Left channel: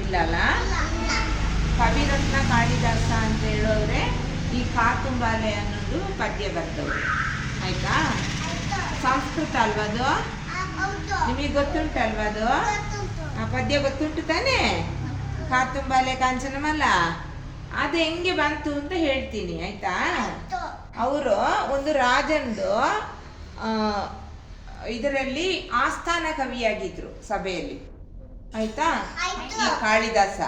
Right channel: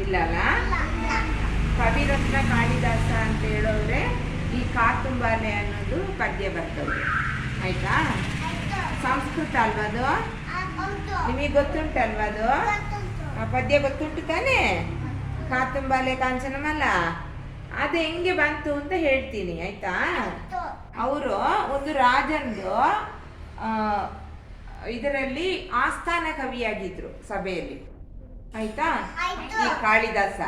ಇಲ್ಲಲ್ಲ. ಕವಿರತ್ನ ಕಾಳಿದಾಸ ಅಂತ ಹೇಳಿದ್ರೆ ಈ ಕಾತುಂಬಾಲೆ ಅನ್ನೋದು ಪದ್ಯ ಬರ್ತದೆ, ಆಯ್ತಾ? ಸಂಸ್ಕೃತ ಅಲ್ವಾ ಅದು? ನಿಮಗೆ ಗೊತ್ತುಂಟಲ್ವಾ ಅದು? ಆ ಪದ್ಯ ಗೊತ್ತುಂಟು ತಾನೇ? ಕಾತುಂಬಾಲೆ ಕಾಂಚನಮಲ್ಲ, ಅದು ಹೆಂಗೆ ಬಂತು ಅಂತ ಹೇಳ್ತೀನಿ, ಆಯ್ತಾ? ಅವರು ಒಂದು ರಾಜಂದು ಇದರಲ್ಲಿ ಆಸ್ಥಾನ ಕವಿಯಾಗಿದ್ರು ಸಭೆಯಲ್ಲಿ, ಆಯ್ತಾ? ಈ ಕಾಳಿದಾಸ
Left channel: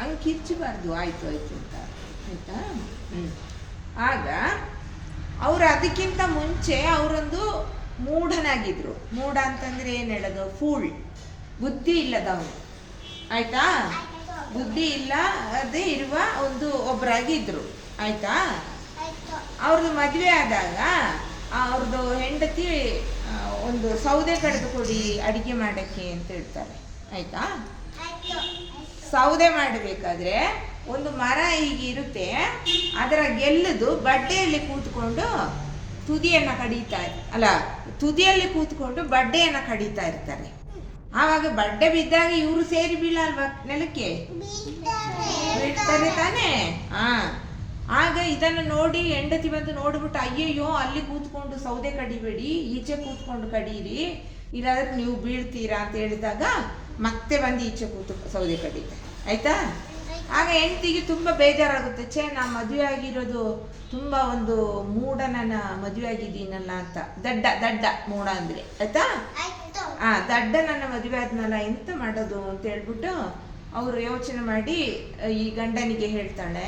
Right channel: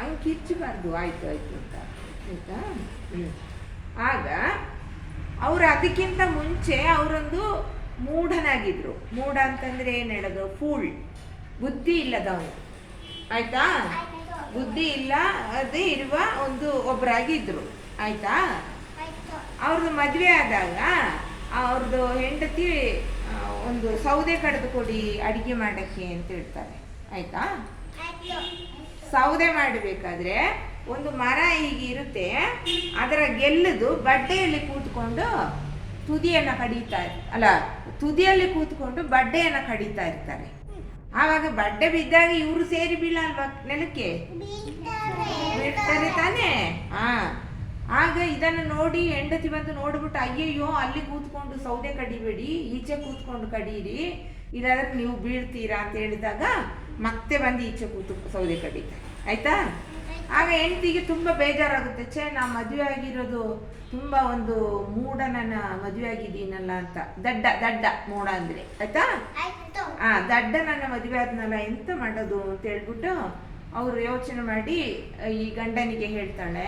ಹಂಗೆ ಕಿಚ್ಚಬಾರ್ದು, ಆಯ್ತು ಆಯ್ತು ಅಂತ, ಆಯ್ತಾ? ಆಗ ಅವರು ಅದಕ್ಕಿಂತ ಮುಂಚೆ ಅವರೊಂದು ಮೂಢನಾಗಿದ್ರು. ಮೂಢ ಅಂತಂದ್ರೆ ಏನ್ ಹೇಳೋದು? ಫೂಲ್, ಬುದ್ಧಿ ಇಲ್ಲದವನು, ಆಯ್ತಾ? ಬುದ್ಧಿ ಇಲ್ಲ ಅದೇ ಇರುವ ಒಬ್ಬರಾಗಿದ್ರು, ಆಯ್ತಾ? ಅವ್ರದ್ದು ಮದುವೆ ಆದಾಗ ಅವ್ರದ್ದು ಹೆಂಡತಿ ಒಂದು ಸೌದೆ ಕಡಿದು ಕೊಡಿ ಅಡಿಗೆ ಮಾಡಕ್ಕೆ ಅಂತ ಹೇಳ್ತಾರೆ, ಆಯ್ತಾ? ಸೌದೆ ಮಾಡಬೇಕಾದ್ರೆ ಒಂದು ಮರ ಹೀಗೆ ಇರುತ್ತೆ, ಅದರ ಗೆಲ್ಲದು ಬಡ್ಡೆಯಲ್ಲಿ ಕೂತ್ಕೊಂಡು ತುದಿಯನ್ನ ಕಡಿತಾ ಅಲ್ಲ, ತುದಿಯಲ್ಲಿ ಕೂತ್ಕೊಂಡು ಬಡ್ಡೆಯನ್ನ ಕಡಿತಾ ಇರ್ತಾರೆ. ಆವಾಗ ಬಡ್ಡೆ ಬಿದ್ದಾಗ ಇವರು ಸೇರಿ ಬೀಳಲ್ವಾ ನೆಲಕ್ಕೆ? ಬಿಡ್ತಾರೆ ತಾನೇ. ಆಗ ಇದನ್ನು ನೋಡಿ ಹೆಂಡತಿ ಬಂದು ನೋಡ್ಬಿಟ್ಟು, ಅಯ್ಯಯ್ಯೋ ಅಲ್ಲಿ ಕೂತ್ಕೊಂಡು ಸೌದೆ ಕಡಿಬೇಡಿ, ಈಚೆ ಕೂತ್ಕೊಂಡು ಕಡೀರಿ, ಇಲ್ಲಾದ್ರೆ ನೀವು ಬೀಳ್ತೀರಾ ಅಂತ ಹೇಳಿದಾಗ ಮತ್ತೆ ಬಂದು ಈಚೆ ಕೂತು ಸೌದೆ ಕಡಿತಾರೆ, ಆಯ್ತಾ? ಆಗ ಹೆಂಡತಿಗೆ ತುಂಬಾ ಬೇಜಾರಾಗುತ್ತೆ, ಛೇ ನಾ ಮದುವೆ ಆಗಿರೋದು ತುಂಬಾ ಒಂದು ಮೂಢನನ್ನ ಮದುವೆ ಆಗಿದ್ದೀನಲ್ಲ ಅಂತ. ದಡ್ಡ ದಡ್ಡ ಮೂಢ ಅಂದ್ರೆ, ಆಯ್ತಾ? ದಡ್ಡ ನನ್ನ ಮದುವೆ ಆದ್ನಲ್ಲ, ಎಂತ ಮಾಡೋದು ಅಂತ ಹೇಳ್ಬಿಟ್ಟು ಅವ್ರು ಯೋಚನೆ ಮಾಡಿ ಈ ಗಂಡನಿಗೆ ಹೇಳ್ತಾಳೆ.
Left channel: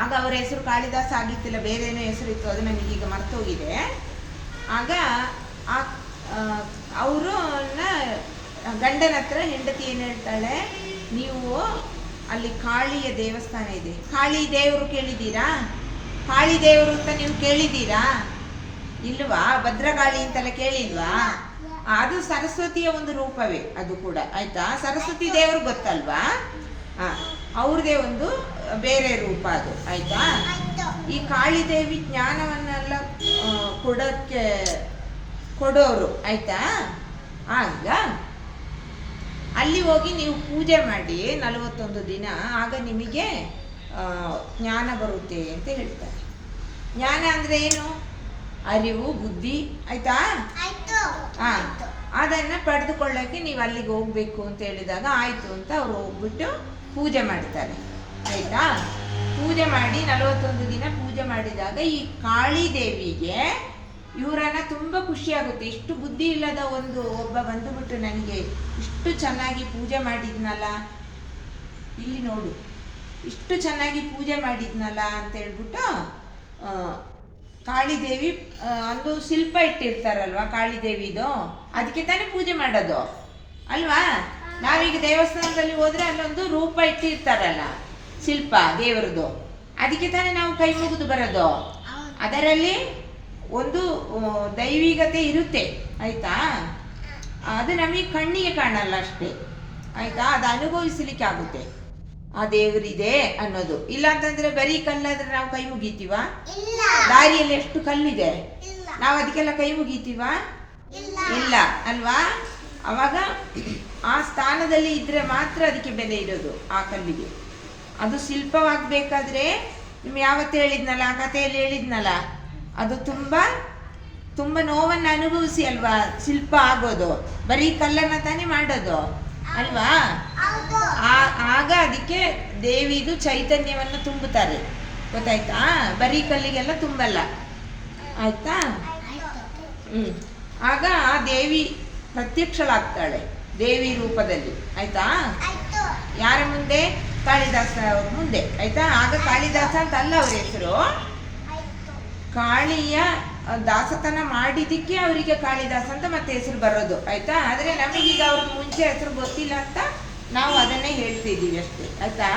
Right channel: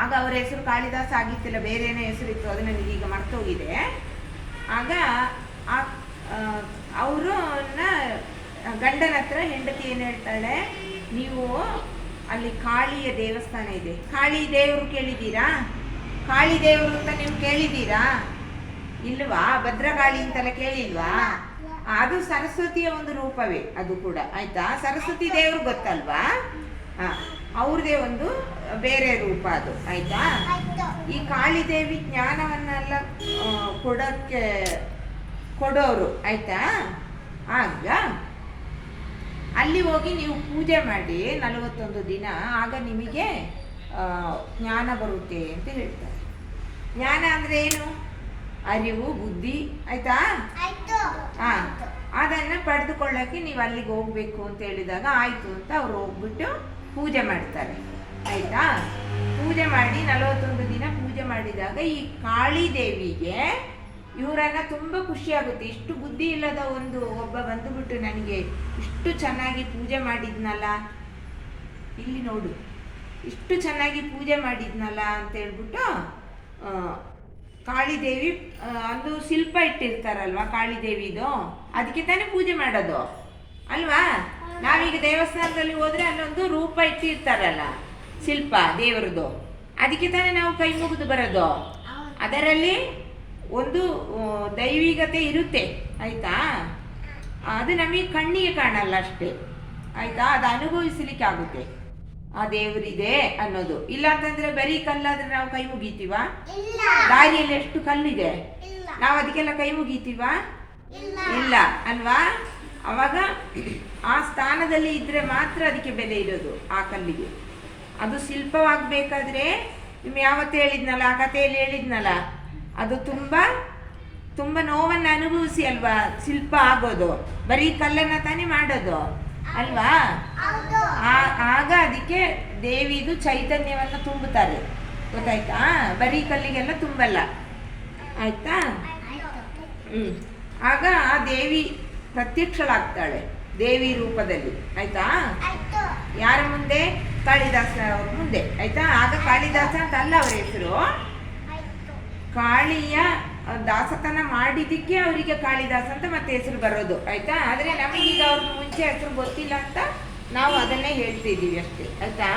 ಆಗ ಅವ್ರ ಹೆಸರು ಕಾಳಿದಾಸ ಆಗಿತ್ತಿಲ್ಲ, ಬೇರೆ ಏನೋ ಹೆಸರು ಇತ್ತು, ಅದು ನನಗೆ ಈಗ ಮರ್ತೋಗಿದೆ. ಆಗ ಅವರು ಗಂಡನ ಹತ್ರ ಹೆಂಡತಿ ಏನ್ ಹೇಳ್ತಾಳೆ, ನೀವು ಅಲ್ಲಿ ಕಾಳಿಯ ದೇವಸ್ಥಾನ ಇದೆ, ಕಾಳಿ ದೇವರು ಕೇಳಿದ್ದೀರಾ? ಕಾಳಿ ದೇವರು ಅಂತ ನೀವು ಕೇಳಿದ್ದೀರಾ? ಇಲ್ವಾ? ಭದ್ರಕಾಳಿ ಅಂತೆಲ್ಲ ಕೇಳಿಲ್ವಾ? ಅದು ಸರಸ್ವತಿಯ ಒಂದು ರೂಪವೇ ಅದು ಕೂಡ, ಆಯ್ತಾ? ಸರಸ್ವತಿ ದೇವರು ಗೊತ್ತಲ್ವಾ? ಅವ್ರದೇ ಒಂದು ಬೇರೆ ರೂಪ ಅದು, ಆಯ್ತಾ? ಈ ಕಾಳಿದೇವಿ ಜ್ಞಾನವನ್ನೆಲ್ಲ ಕೊಡೋರು, ಆಯ್ತಾ? ಆಗ ಅಲ್ಲಿ ಹೋಗಿ ನೀವು ಪೂಜೆ ಮಾಡಿ 41 ದಿನ, ಆಗ ನಿಮಗೆ ಜ್ಞಾನ ಬರುತ್ತೆ ಅಂತ ಹೇಳ್ತಾರೆ. ಜ್ಞಾನ ಅಂದ್ರೆ ಏನು? ಅರಿವು, ಬುದ್ಧಿ, ಆಯ್ತಾ? ಅದನ್ನ ಪಡೆದುಕೊಳ್ಳಕ್ಕೆ ನೀವು ಅಲ್ಲಿಗೆ ಹೋಗ್ಬೇಕು ಅಂತ ಹೇಳಿದಾಗ ಆಯ್ತು ಅಂತ ಅವ್ರು ಹೋಗ್ಬಿಟ್ಟು ಪೂಜೆ ಮಾಡ್ತಾರೆ, ಆಯ್ತಾ? ಪೂಜೆ ಮಾಡಿ 41 ದಿನ ಪೂಜೆ ಮಾಡಿದಾಗ ಈ ಕಾಳಿ ದೇವಿಗೆ ಇವರನ್ನ ತುಂಬಾ ಖುಷಿ ಆಗುತ್ತೆ. ಇಷ್ಟು ಬುದ್ಧಿ ಇಲ್ಲದ ಒಬ್ಬ ಬಂದುಬಿಟ್ಟು ನನಗೆ ಇಷ್ಟು ಚೆನ್ನಾಗಿ ಪೂಜೆ ಮಾಡಿದ್ನಲ್ಲ, ಇಲ್ಲಿ ನೋಡು, ಇಷ್ಟು ಚೆನ್ನಾಗಿ ಪೂಜೆ ಮಾಡಿದ್ನಲ್ಲ ಅಂತ ಹೇಳ್ಬಿಟ್ಟು ಕಾಳಿದೇವಿ ಒಂದು ಶಿಲ್ಪ ಇಟ್ಟಿರ್ತಾರಲ್ವಾ ಕಾಳಿದೇವಿದು, ಅದಕ್ಕೆ ತಾನೇ ಪೂಜೆ ಮಾಡೋದು ಅಲ್ವಾ? ನಾವೀಗ ದೇವಸ್ಥಾನದಲ್ಲಿ ಹೋದ್ರೆ ಅಲ್ಲೊಂದು ರೂಪ ಇಟ್ಟಿರ್ತಾರಲ್ಲ, ಶಿಲ್ಪ ದೇವರದು, ಅದಕ್ಕೆ ತಾನೇ ನಾವು ಕೈ ಮುಗಿದು ಬರೋದು. ಅದರಲ್ಲಿ ಒಂದು ದೈವಿಕತೆ ಇರುತ್ತೆ, ಆಯ್ತಾ? ಅದು ನಮಗೆ ಕಣ್ಣಿಗೆ ಕಾಣಲ್ಲ ಅಷ್ಟೇ, ಆಯ್ತಾ? ಅದು ಅನುಭವಿಸಲಿಕ್ಕೆ ಆಗುತ್ತೆ, ಆ ದೇವರಿದೆ ಅನ್ನೋದು. ಇಲ್ಲ ಅಂತಂದ್ರೆ ಬರೀ ಕಲ್ಲಾದ್ರೆ ನಾವು ಕೈ ಮುಗಿತೀವ? ದಾರಿಯಲ್ಲಿ ಎಷ್ಟು ಕಲ್ಲಿದೆ, ನಾವು ಅದಕ್ಕೆಲ್ಲ ಕೈ ಮುಗಿತೀವ? ಇಲ್ಲ ಅಲ್ವಾ? ಅವಾಗ ಆ ಸ್ಥಾನದಲ್ಲಿ ಇದ್ರೆ ಮಾತ್ರ ಅದಕ್ಕೆ ಬೆಲೆ ಇರೋದು, ಆ ಕಲ್ಲಿಗೆ. ಅದು ಶಿಲ್ಪವಾಗಬೇಕಾದ್ರೆ ನಿಮ್ಗೆ ಯಾವತ್ತು ಹೇಳಿದ್ನಲ್ಲ, ಆ ಕಥೆಯಲ್ಲಿ ಹೇಳಿದ್ನಲ್ಲ, ಅದು ತುಂಬಾ ತುಂಬಾ ನೋವನ್ನು ಅನುಭವಿಸಿ ಅಲ್ವಾ ಶಿಲ್ಪ ಆಗೋದು. ಬರೀ ಕಲ್ಲನ್ನ ತಾನೇ ಮಾಡೋದು ಅಲ್ವಾ? ಆಗ ಅದಕ್ಕೆ ದೇವಿದು ಚೈತನ್ಯವನ್ನು ತುಂಬುತ್ತಾರೆ, ಗೊತ್ತಾಯ್ತಾ? ಬರೀ ಕಲ್ಲಿಗೆಲ್ಲ ತುಂಬಲ್ಲ, ಆಯ್ತಾ? ಆಗ ಆ ದೇವಿ ಪ್ರತ್ಯಕ್ಷಳಾಗ್ತಾಳೆ ದೇವಿ ರೂಪದಲ್ಲಿ, ಆಯ್ತಾ? ಯಾರ ಮುಂದೆ? ಕಾಳಿದಾಸ ಅವ್ರ ಮುಂದೆ, ಆಯ್ತಾ? ಆಗ ಕಾಳಿದಾಸ ಅಂತ ಅಲ್ಲ ಅವರ ಹೆಸರು, ಕಾಳಿಯ ದಾಸತನ ಮಾಡಿದಕ್ಕೆ ಅವರಿಗೆ ಕಾಳಿದಾಸ ಅಂತ ಮತ್ತೆ ಹೆಸರು ಬರೋದು, ಆಯ್ತಾ? ಆದ್ರೆ ನಮಗೀಗ ಅವ್ರ ಮುಂಚೆ ಹೆಸರು ಗೊತ್ತಿಲ್ಲ ಅಂತ ನಾವು ಅದನ್ನೇ ಹೇಳ್ತಿದ್ದೀವಿ ಅಷ್ಟೇ, ಆಯ್ತಾ?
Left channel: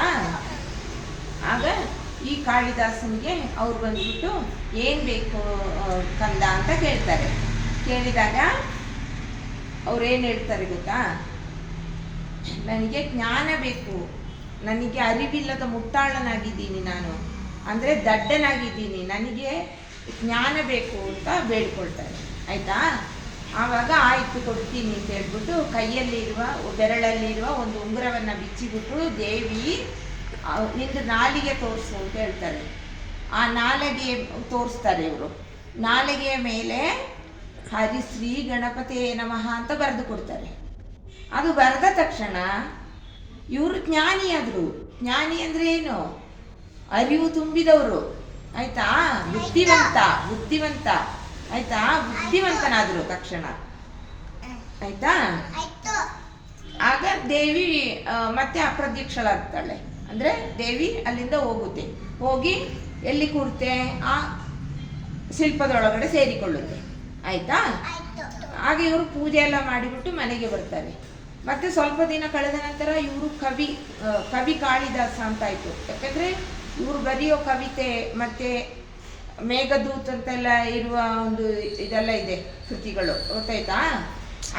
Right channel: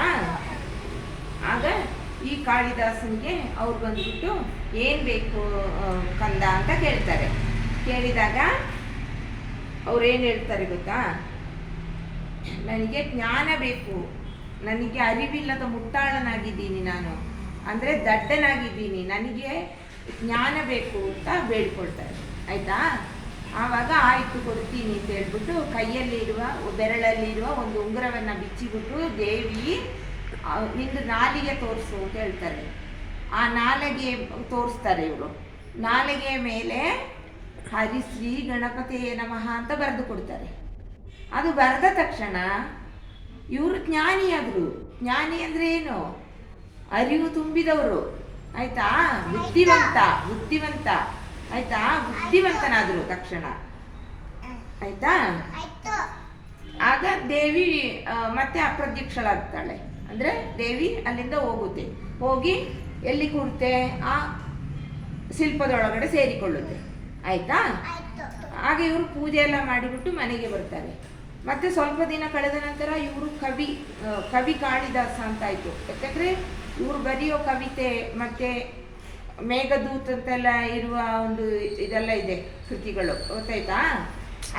ಆಗ ಈ ಕಾಳಿದಾಸನಿಗೆ ಅವ್ರು ಬಂದ್ಬಿಟ್ಟು ಏನ್ ಬೇಕು ಕಂದ ಅಂತ ಕೇಳ್ತಾರೆ. ಕೇಳಿದಾಗ ಅವ್ರು ಏನ್ ಹೇಳ್ತಾರೆ ಗೊತ್ತಾ? ನನಗೆ ಜ್ಞಾನ ಬೇಕು, ನನಗೆ ಅರಿವಿಲ್ಲದ ಮುಟ್ಟಾಳನಾಗಿದ್ದೀನಿ ನಾನು, ಅಂದ್ರೆ ದಡ್ಡನಾಗಿದ್ದೀನಿ, ನನಗೆ ಜ್ಞಾನ ಬೇಕು ಅಂತ ಬೇಡ್ಕೊಳ್ತಾರೆ, ಆಯ್ತಾ? ಆವಾಗ ಆಯ್ತು ಕೊಡ್ತೀನಿ ಅಂತ ಹೇಳ್ಬಿಟ್ಟು ಕೈಯಲ್ಲಿರುವ ಬೆರಳಲ್ಲಿರುವ ಒಂದು ಉಂಗುರವನ್ನ ಬಿಚ್ಚಿಬಿಟ್ಟು ದೇವಿ ನಿಂದು ನಾಲಿಗೆ ತೋರಿಸು ಅಂತ ಹೇಳ್ತಾರೆ. ಆ ನಾಲಿಗೆ ತೋರಿಸ್ತಾರೆ ಇವರು. ನಾಲಿಗೆಯ ಮೇಲೆ ಹರಿಶ್ರೀ ಗಣಪತಿಯೇ ನಮಃ ಅಂತ ಬರೆದು ಕೊಡ್ತಾರೆ. ಅದು ಬರೆದ ತಕ್ಷಣ ಇವರು ಜ್ಞಾನಿಯಾದ್ರು. ಜ್ಞಾನಿ ಅಂದ್ರೆ ಏನು? ಅರಿವು ತುಂಬಿದವರು, ಆಯ್ತಾ? ಬುದ್ಧಿವಂತ ಆಯ್ತಾ? ಬುದ್ಧಿವಂತನಾದ್ರು ತಕ್ಷಣ, ಆಯ್ತಾ? ಆಗ ದೇವಿ ಮತ್ತೆ ಅಪ್ರತ್ಯಕ್ಷಳಾಗ್ತಾಳೆ. ಅಂದ್ರೆ ದೇವಿ ಅಲ್ಲಿಂದ ಹೋಗುತ್ತೆ. ಹೋಗಿ ಎಲ್ಲಿ ಕೂರುತ್ತೆ? ಆ ಶಿಲ್ಪದೊಳಗಡೆ ಸೇರಿಕೊಳ್ಳುತ್ತೆ, ಆಯ್ತಾ? ಹಾಗೆ ಇವರು ಪೂಜೆ ಎಲ್ಲ ಮಾಡಿಬಿಟ್ಟು ಮನೆಗೆ ಬರ್ತಾರೆ. ಮತ್ತೆ ಸ್ವಲ್ಪ ದಿನ ಕಳೆದ ನಂತರ ಇವರು ಕವಿ ಕಾಳಿದಾಸ ಅಂತ ಆಯ್ತು. ಯಾಕಂದ್ರೆ ಇವರು ಬರೆಯೋ ಕವಿತೆ ಮತ್ತೆ ಮೇಘದೂತ್ ಅಂತೆಲ್ಲ ಇರುವ ಒಂದು ಇದೆಲ್ಲ ಇದೆ ಕೃತಿಗಳು, ಗೊತ್ತಾಯ್ತಾ?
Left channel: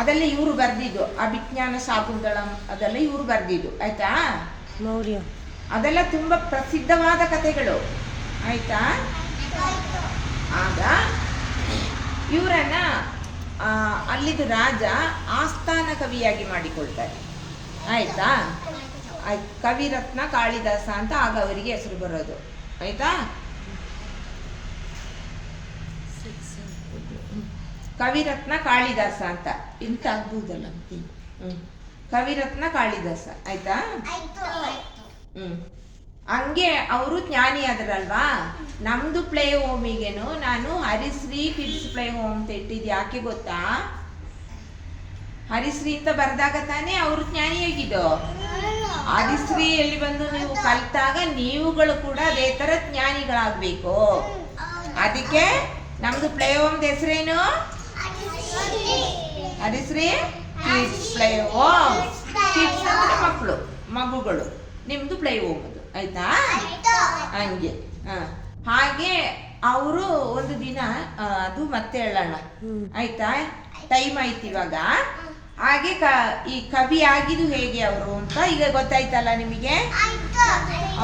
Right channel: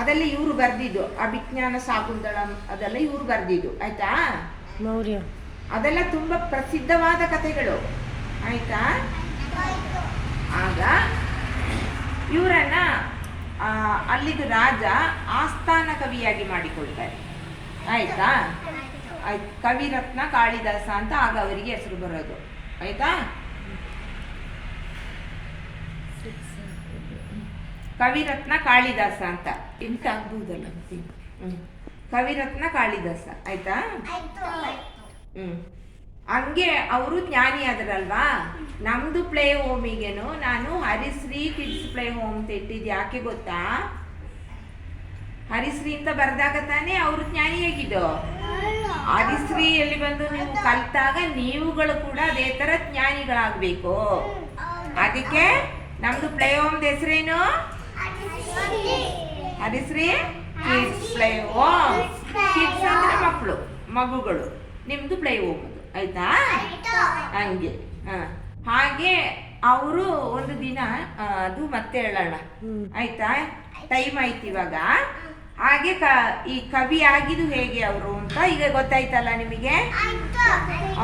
ಅದೆಲ್ಲ ಇವರು ಬರ್ದಿದ್ದು. ಅಭಿಜ್ಞಾನ ಶಾಕುಂತಳಂ ಅದೆಲ್ಲ ಇವರು ಬರ್ದಿದ್ದು, ಆಯ್ತಾ? ಮೌರ್ಯ ಅದೆಲ್ಲ ತುಂಬಾ ಪ್ರಸಿದ್ಧವಾದ ಕಥೆಗಳು, ಆಯ್ತಾ? ಆಗ ಇವರನ್ನ ಅಲ್ಲಿದು ರಾಜ ಆಸ್ಥಾನ ಕವಿಯಾಗಿ ಮಾಡಿಕೊಳ್ತಾರೆ, ಆಯ್ತಾ? ಕವಿರತ್ನ ಕಾಳಿದಾಸ ಅಂತ ಆಗ ಅವರಿಗೆ ಹೆಸರು ಬರೋದು, ಆಯ್ತಾ? ಕವಿರತ್ನ ಕಾಳಿದಾಸ ಅಂತ ಇಂತ ಆಗ್ಬಹುದಲ್ಲ. ಕವಿರತ್ನ ಕಾಳಿದಾಸ, ಆಯ್ತಾ? ಹಂಗೆ ಅವರು ಜ್ಞಾನಿ ಆದ್ರಲ್ವಾ. ನಮ್ದು ಪ್ಲೇ ಹೋಮಿಗೆನು ನಾನು ಹರಿಶ್ರೀ ಕಿಡ್ಸ್ ಪ್ಲೇ ಹೋಮ್ ಅಂತ ಇಟ್ಟಿದ್ದು. ಯಾಕೆ ಗೊತ್ತಾ? ಹರಿಶ್ರೀ ಅಂತ ಬರ್ದಾಗ ತಾನೇ ಅವರು ಜ್ಞಾನಿ ಆಗಿದ್ದು. ಹರಿಶ್ರೀಯಲ್ಲಿ ಬಂದು ನೀವು ಕಲ್ತಾಗ ನೀವುಗಳು ಕೂಡ ಅದೇ ತರ ಜ್ಞಾನಿಗಳಾಗ್ಬೇಕು. ಅದಕ್ಕೆ ನಮ್ದು ಪ್ಲೇ ಹೋಮ್ ಹೆಸರೇನು? ಹರಿಶ್ರೀ ಕಿಡ್ಸ್ ಪ್ಲೇ ಹೋಮ್. ಕಿಡ್ಸ್ ಅಂದ್ರೆ ಮಗುಗಳು, ನಿಮ್ದು ಪ್ಲೇ ಹೋಮ್, ಆಯ್ತಾ? ಹಂಗೆ ಹಾಗೆ ಅವರು ಒಂದು ದಿನ ಅದು ಮತ್ತೆ ಹೇಳೋಣ, ಆಯ್ತಾ? ಟೈಮ್ ಆಯ್ತು ಇವಾಗ. ಹಾಗೆ ಈ ಕವಿ ಆಗಿದ್ದು ಹೇಗೆ ಅವರು ಅಂತ ಈಗ ಗೊತ್ತಾಯ್ತಲ್ಲ ನಿಮಗೆ.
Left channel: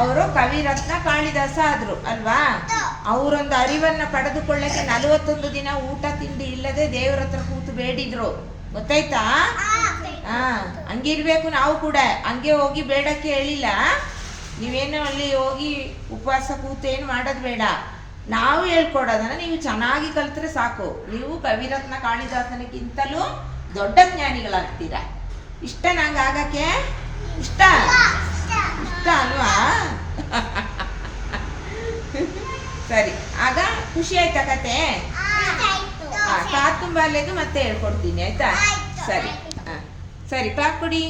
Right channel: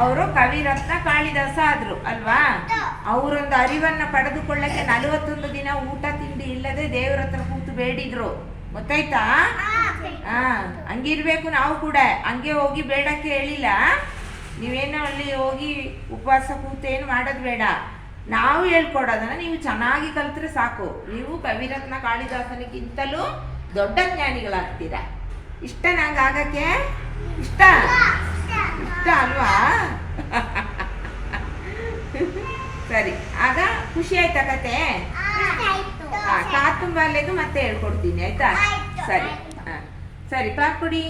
ಅವರು ಕವಿರತ್ನ ಕಾಳಿದಾಸ ಆದ್ರು ಅಲ್ವಾ. ಅವರೊಂದು ಅರಿವನ್ನ ಪಡೆದುಕೊಳ್ಳಕ್ಕೆ 41 ದಿನ ಊಟ ತಿಂಡಿ ಇಲ್ಲದೆ ದೇವರ ಹತ್ರ ಕೂತು ಬೇಡಿದ್ರು, ಗೊತ್ತಾಯ್ತಾ? ಹಂಗಿರ್ಬೇಕು ನಾವು ಕೂಡ. ಹಂಗೆ ಹೋಗಿ ಬೇಡಕ್ಕೆ ಹೇಳಿಲ್ಲ. ನೀವೇನು ಅಲ್ಲಿ ಹೋಗಿ ಉಪವಾಸ ಕೂತು ಏನು ಮಾಡೋದು ಬೇಡ. ನಾವು ಹೇಳ್ಕೊಡೋದನ್ನ ನೀವು ಚೆನ್ನಾಗಿ ಕಲ್ತ್ರೆ ಸಾಕು. ನೀವು ಕವಿರತ್ನ ಕಾಳಿದಾಸನಿಗಿಂತಲೂ ದೊಡ್ಡ ಜ್ಞಾನಿಗಳಾಗ್ತೀರಾ. ಇಷ್ಟ ನಂಗೆ ಆಗಕ್ಕೆ? ಇಷ್ಟ ಅಲ್ವಾ? ಸರಿ, ಆಗ ಖುಷಿ ಆಯ್ತಾ ಕತೆ? ಕಾತುಂಬಾಲೆದು ಮತ್ತೆ ಹೇಳ್ಕೊಡ್ತೀನಿ, ಆಯ್ತಾ? ಸರಿ, ಸರಿ, ಕ್ಲಾಪ್ ಕೊಡಿ.